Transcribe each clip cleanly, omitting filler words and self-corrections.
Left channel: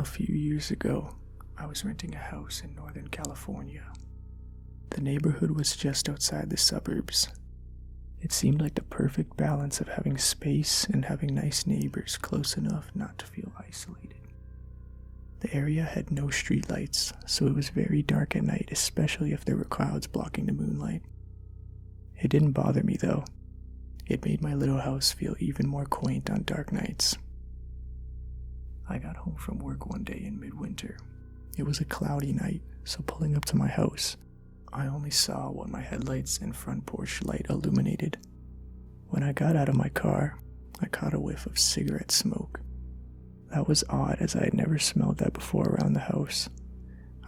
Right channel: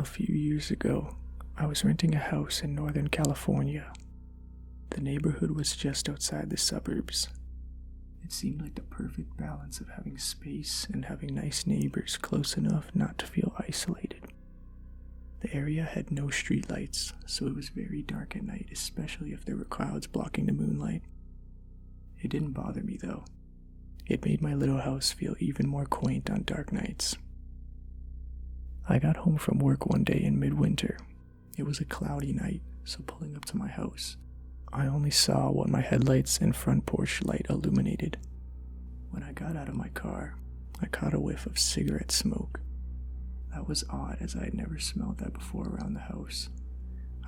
A few years ago, I was renting a house in Northern California. The neighborhood was just outside the suburbs. It seemed like the perfect balance of having space and having nice neighbors close enough not to feel isolated. The area had no streetlights, so it was very dark at night, especially if there were clouds blocking the moonlight. It didn't bother me though. It made my little house feel even more quaint on dark nights. I got home from work one day in midwinter. It was a cloudy night, so pulling up to my house, I only saw what my headlights and front porch light illuminated. When I got out of my car, I caught a whiff of cigarette smoke. That was odd, as I had never smelled that before around the house.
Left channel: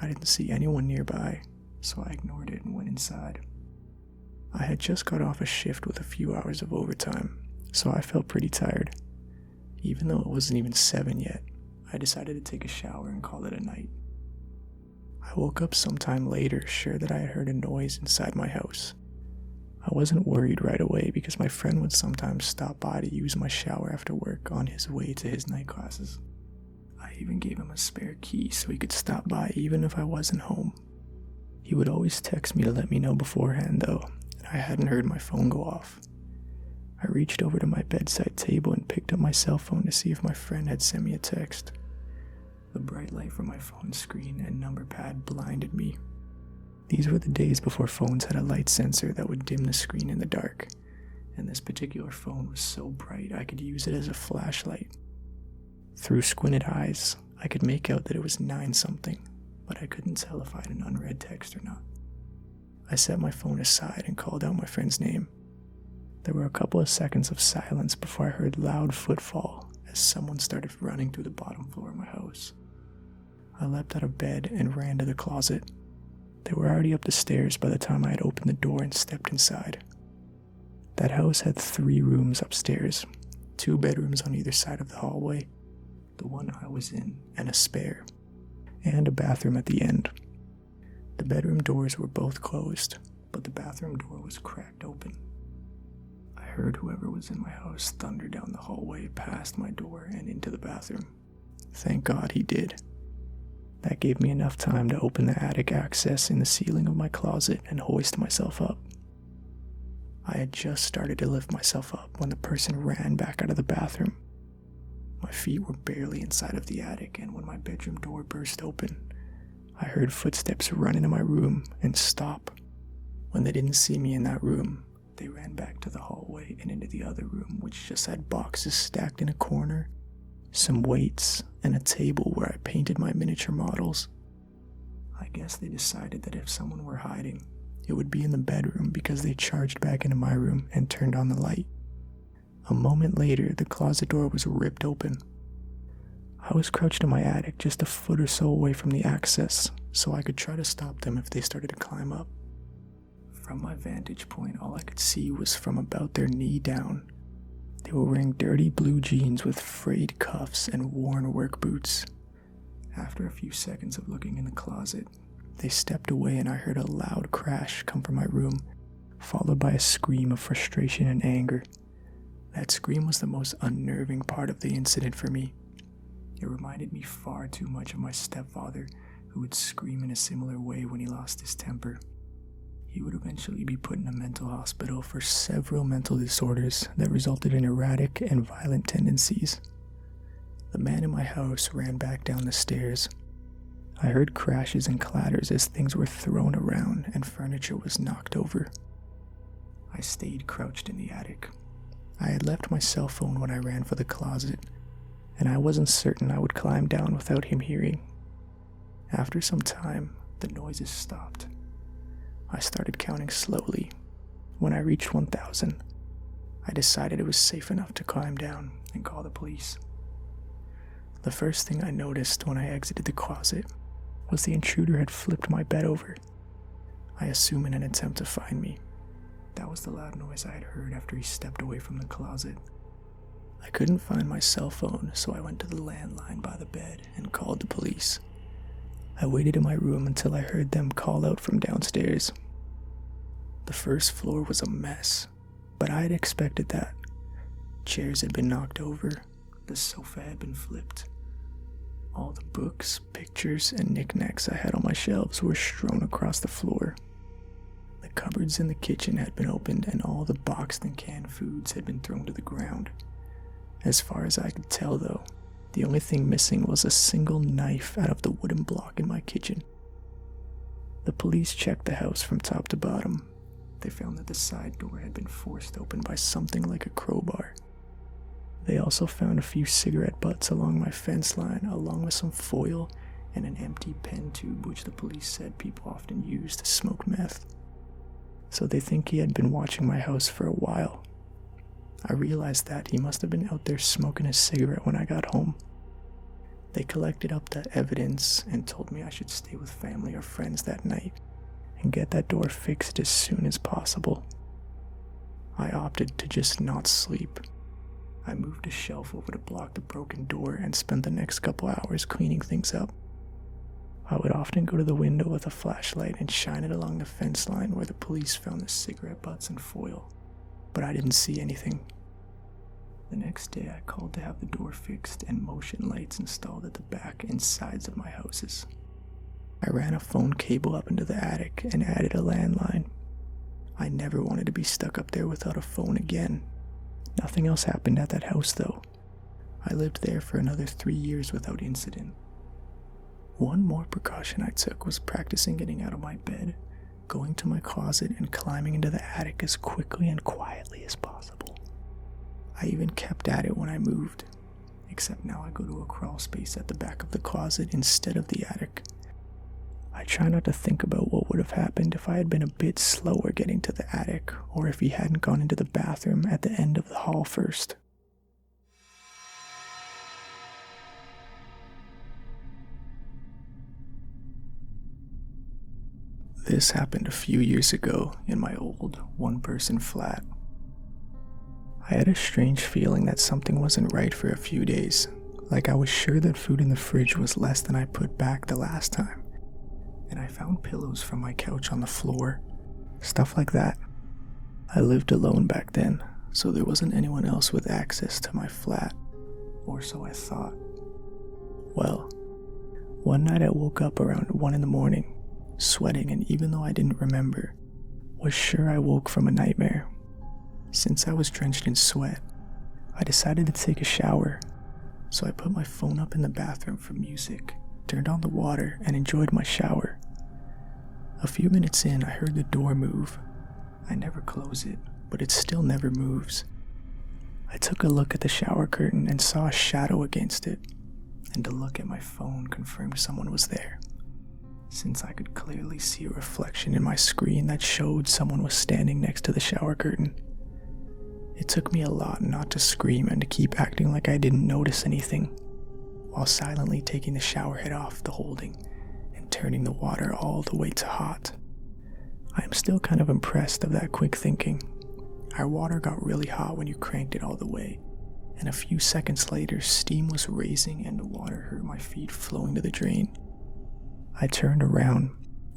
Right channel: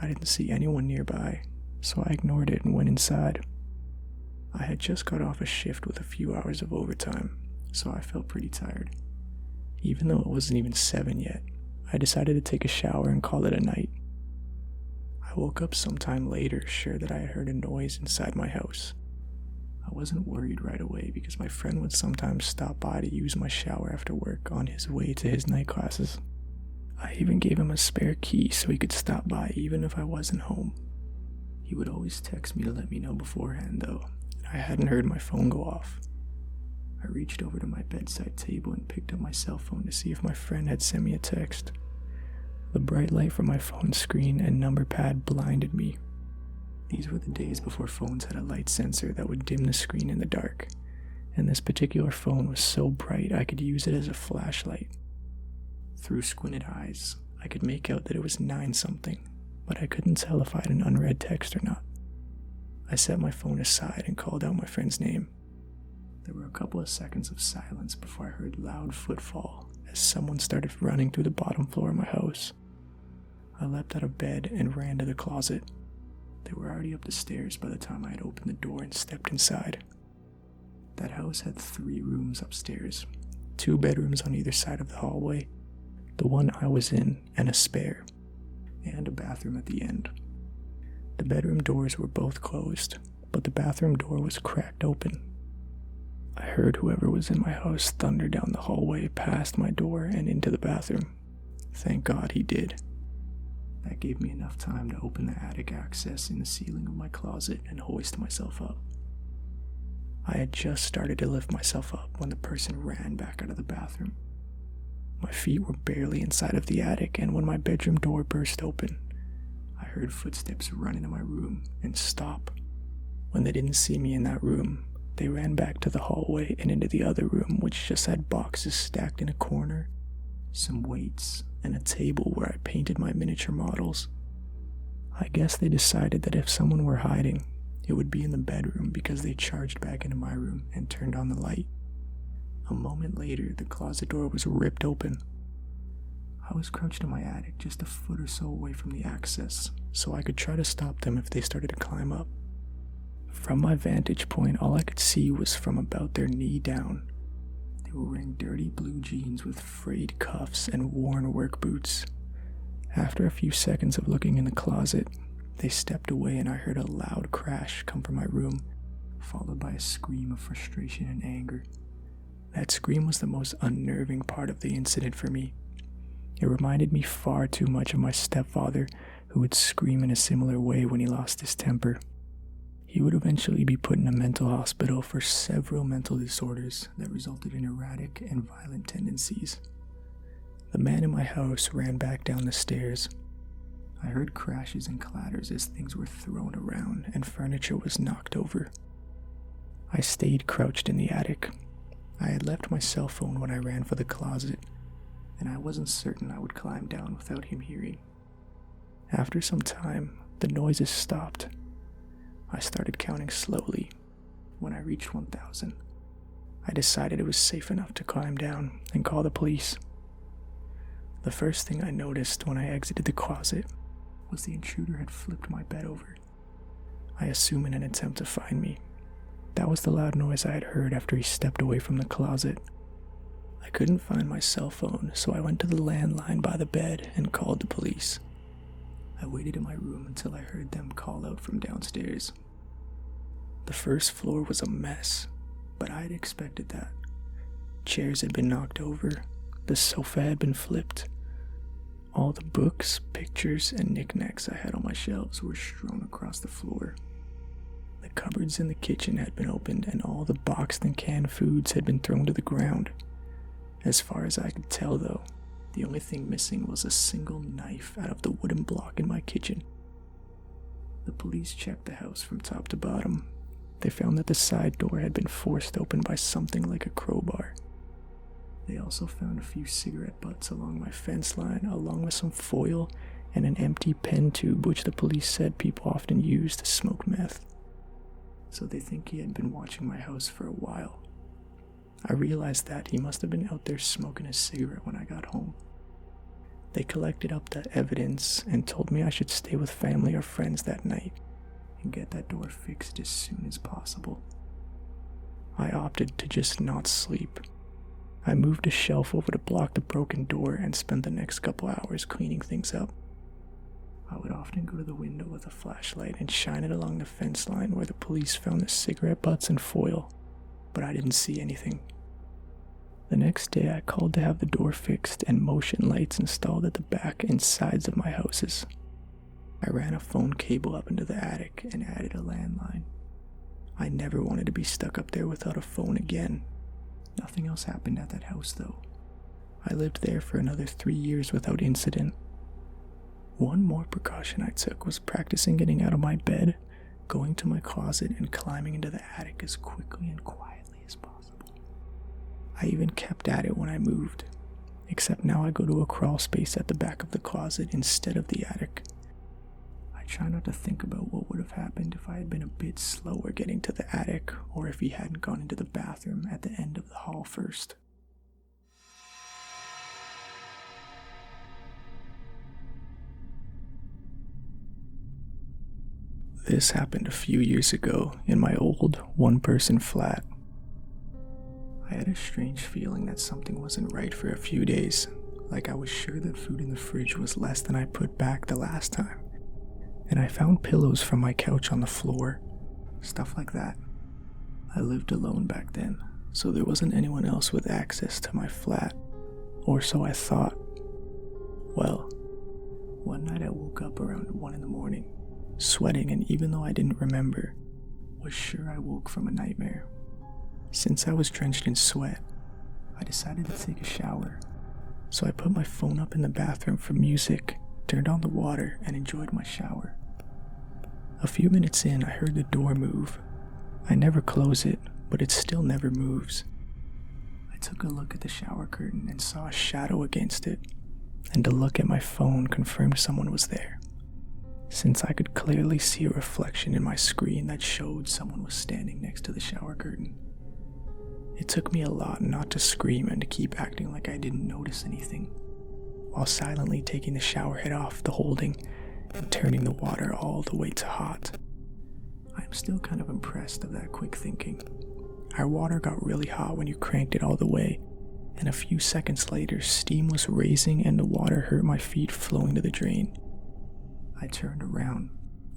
I didn't see anyone nearby, so I ignored it and went inside. I had just got off a shift with a few hours of overtime, so I felt pretty tired. Even though it wasn't even 7 yet, I decided to take a shower and call it a night. I woke up sometime later, sure that I had heard a noise inside my house. I wasn't worried right away because my friend would sometimes stop by to use my shower after work on his way to his night classes. I even gave him a spare key so he could stop by even if I wasn't home. He would always text me to let me know beforehand though, and I hadn't heard my phone go off. I reached over to my bedside table and picked up my cell phone to see if my friend had sent me a text. The bright light from my phone screen and number pad blinded me. These were the days before phones had a light sensor that would dim the screen in the dark, and this particular phone was so bright I could use it as a flashlight. Through squinted eyes, I could make out that it was 9-something, but I couldn't tell if I had an unread text or not. I set my phone aside and called out my friend's name. There were a couple of seconds of silence before I heard loud footfall as someone started running through the bottom floor of my house. I leapt out of bed and ran to the closet. They were already up the stairs by the time I had opened the door and stepped inside. That house had 3 rooms upstairs, 2 bedrooms on either side of the hallway, the one I was in and a spare, and a bathroom at the end. The bedroom doors were both closed, but the bathroom door was cracked open. I heard whoever was in my house thunder down the hallway past my door and into the bathroom. Thank God he did. That gave me enough time to open the attic access in the ceiling of my closet and hoist myself up. I had just started to lift myself up when the person ran back out of the bathroom. My feet were barely inside of the attic, and when my bedroom door burst open, I heard footsteps run into my room and stop. When they didn't see me in that room, they ran back to the hallway and into the other room, which just had boxes stacked in a corner, some weights, and a table where I painted my miniature models. I guess they decided that if someone were hiding, it would be in the bedroom because they charged back into my room and turned on the light. A moment later, the closet door was ripped open. I was crouched in my attic just a foot or so away from the access, so I could try to stop them if they started to climb up. From my vantage point, all I could see was from about their knee down. They were wearing dirty blue jeans with frayed cuffs and worn work boots. After a few seconds of looking in the closet, they stepped away and I heard a loud crash come from my room, followed by a scream of frustration and anger. That scream was the most unnerving part of the incident for me. It reminded me far too much of my stepfather, who would scream in a similar way when he lost his temper. He would eventually be put in a mental hospital for several mental disorders that resulted in erratic and violent tendencies. The man in my house ran back down the stairs. I heard crashes and clatters as things were thrown around and furniture was knocked over. I stayed crouched in the attic. I had left my cell phone when I ran for the closet, and I wasn't certain I would climb down without him hearing. After some time, the noises stopped. I started counting slowly. When I reached 1,000, I decided it was safe enough to climb down and call the police. The first thing I noticed when I exited the closet was the intruder had flipped my bed over. I assume in an attempt to find me. That was the loud noise I had heard after he stepped away from the closet. I couldn't find my cell phone, so I went to the landline by the bed and called the police. I waited in my room until I heard them call out from downstairs. The first floor was a mess, but I had expected that. Chairs had been knocked over, the sofa had been flipped. All the books, pictures, and knickknacks I had on my shelves were strewn across the floor. The cupboards in the kitchen had been opened, and all the boxed and canned foods had been thrown to the ground. As far as I could tell, though, the only thing missing was a single knife out of the wooden block in my kitchen. The police checked the house from top to bottom. They found that the side door had been forced open by something like a crowbar. They also found a few cigarette butts along my fence line, along with some foil and an empty pen tube which the police said people often use to smoke meth. So they think he had been watching my house for a while. I realized that he must have been out there smoking a cigarette when I got home. They collected up that evidence and told me I should stay with family or friends that night and get that door fixed as soon as possible. I opted to just not sleep. I moved a shelf over to block the broken door and spent the next couple hours cleaning things up. I would often go to the window with a flashlight and shine it along the fence line where the police found the cigarette butts and foil, but I didn't see anything. The next day I called to have the door fixed and motion lights installed at the back and sides of my houses. I ran a phone cable up into the attic and added a landline. I never wanted to be stuck up there without a phone again. Nothing else happened at that house though. I lived there for another 3 years without incident. One more precaution I took was practicing getting out of my bed, going to my closet, and climbing into the attic as quickly and quietly as possible. I even kept at it when I moved, except now I go to a crawl space at the back of the closet instead of the attic. I try not to think about what would have happened if I had been a bit slower getting to the attic, or if he hadn't gone into the bathroom at the end of the hall first. This happened a few years ago in my old one-person flat. I had a strange feeling that something wasn't right for a few days, like I was sure that food in the fridge was less than I put back the last time. And I found pillows from my couch on the floor, stuff like that. I lived alone back then, so there wasn't anyone else with access to my flat, or so I thought. Well, one night I woke up around 1 a.m, sweating, and even though I didn't remember, was sure I woke from a nightmare. Since I was drenched in sweat, I decided to take a shower, so I put my phone up in the bathroom for music, turned on the water, and enjoyed my shower. A few minutes in, I heard the door move. I never close it, but it still never moves. I took a look at the shower curtain and saw a shadow against it, and a look at my phone confirmed someone was there, since I could clearly see a reflection in my screen that showed someone was standing next to the shower curtain. It took me a lot not to scream and to keep acting like I didn't notice anything, while silently taking the shower head off the holding and turning the water all the way to hot. I am still kind of impressed of that quick thinking. Our water got really hot when you cranked it all the way, and a few seconds later steam was raising and the water hurt my feet flowing to the drain. I turned around,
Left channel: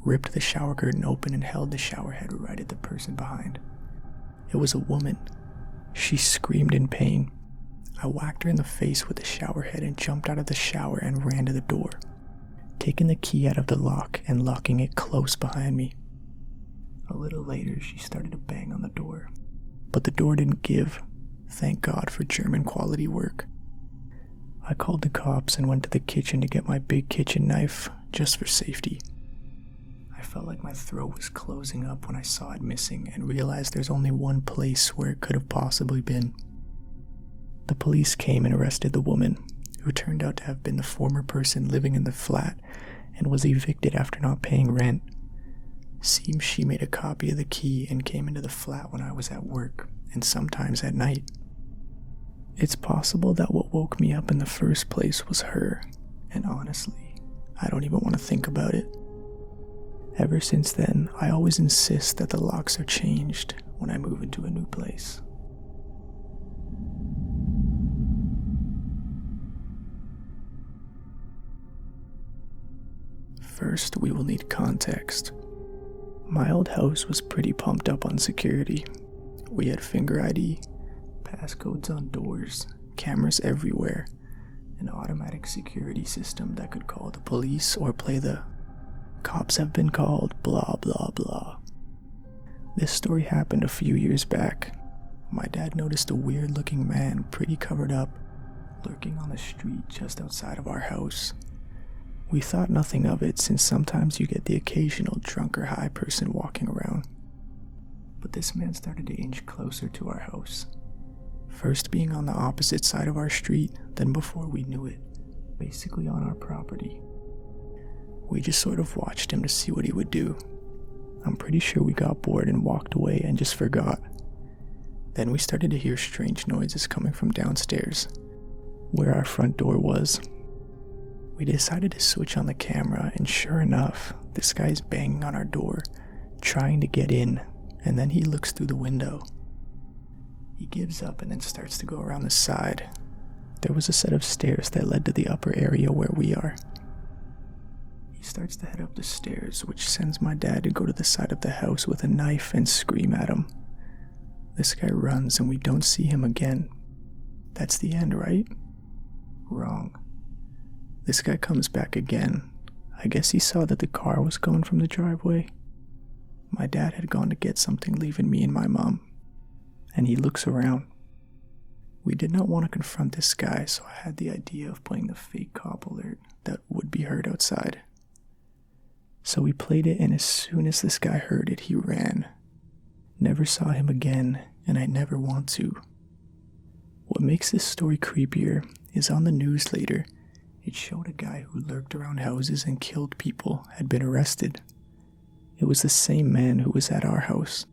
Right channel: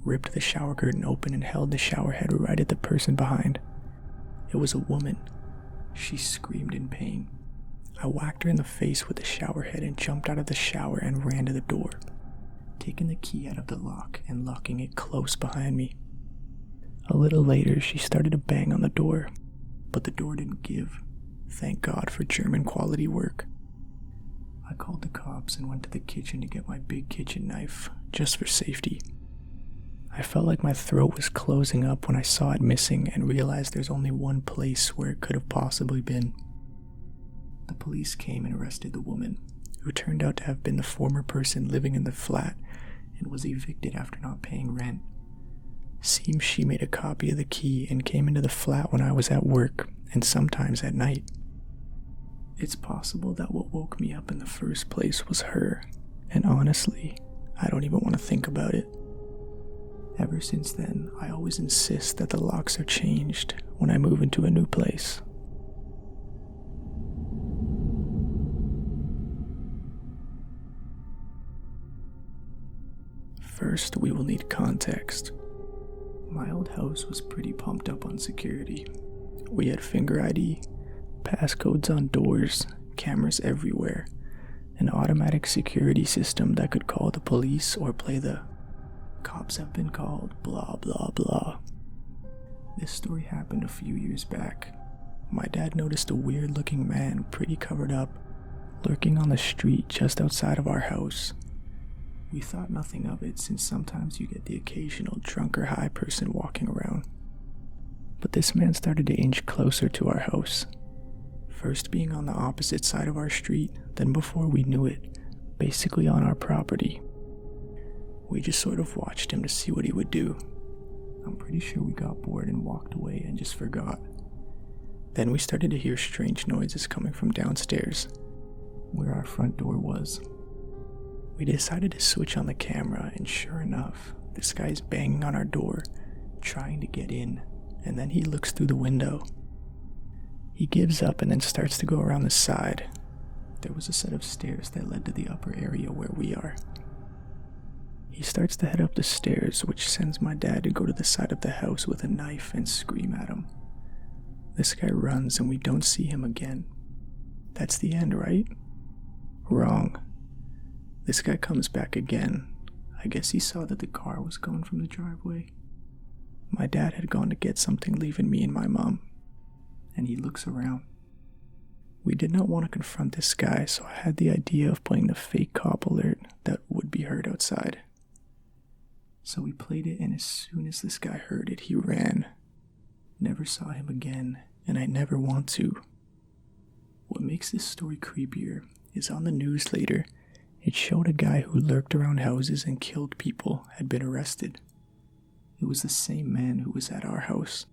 ripped the shower curtain open, and held the shower head right at the person behind. It was a woman. She screamed in pain. I whacked her in the face with the shower head and jumped out of the shower and ran to the door, taking the key out of the lock and locking it close behind me. A little later, she started to bang on the door, but the door didn't give. Thank God for German quality work. I called the cops and went to the kitchen to get my big kitchen knife, just for safety. I felt like my throat was closing up when I saw it missing and realized there's only one place where it could have possibly been. The police came and arrested the woman, who turned out to have been the former person living in the flat and was evicted after not paying rent. Seems she made a copy of the key and came into the flat when I was at work, and sometimes at night. It's possible that what woke me up in the first place was her, and honestly, I don't even want to think about it. Ever since then, I always insist that the locks are changed when I move into a new place. First, we will need context. My old house was pretty pumped up on security. We had finger ID, passcodes on doors, cameras everywhere, an automatic security system that could call the police or play the "cops have been called, blah blah blah." This story happened a few years back. My dad noticed a weird-looking man, pretty covered up, lurking on the street just outside of our house. We thought nothing of it, since sometimes you get the occasional drunk or high person walking around. But this man started to inch closer to our house, first being on the opposite side of our street, then before we knew it, basically on our property. We just sort of watched him to see what he would do. I'm pretty sure we got bored and walked away and just forgot. Then we started to hear strange noises coming from downstairs, where our front door was. We decided to switch on the camera, and sure enough, this guy's banging on our door, trying to get in, and then he looks through the window. He gives up and then starts to go around the side. There was a set of stairs that led to the upper area where we are. He starts to head up the stairs, which sends my dad to go to the side of the house with a knife and scream at him. This guy runs and we don't see him again. That's the end, right? Wrong. This guy comes back again. I guess he saw that the car was gone from the driveway. My dad had gone to get something, leaving me and my mom. And he looks around. We did not want to confront this guy, so I had the idea of playing the fake cop alert that would be heard outside. So we played it, and as soon as this guy heard it, he ran. Never saw him again, and I never want to. What makes this story creepier is on the news later, it showed a guy who lurked around houses and killed people had been arrested. It was the same man who was at our house.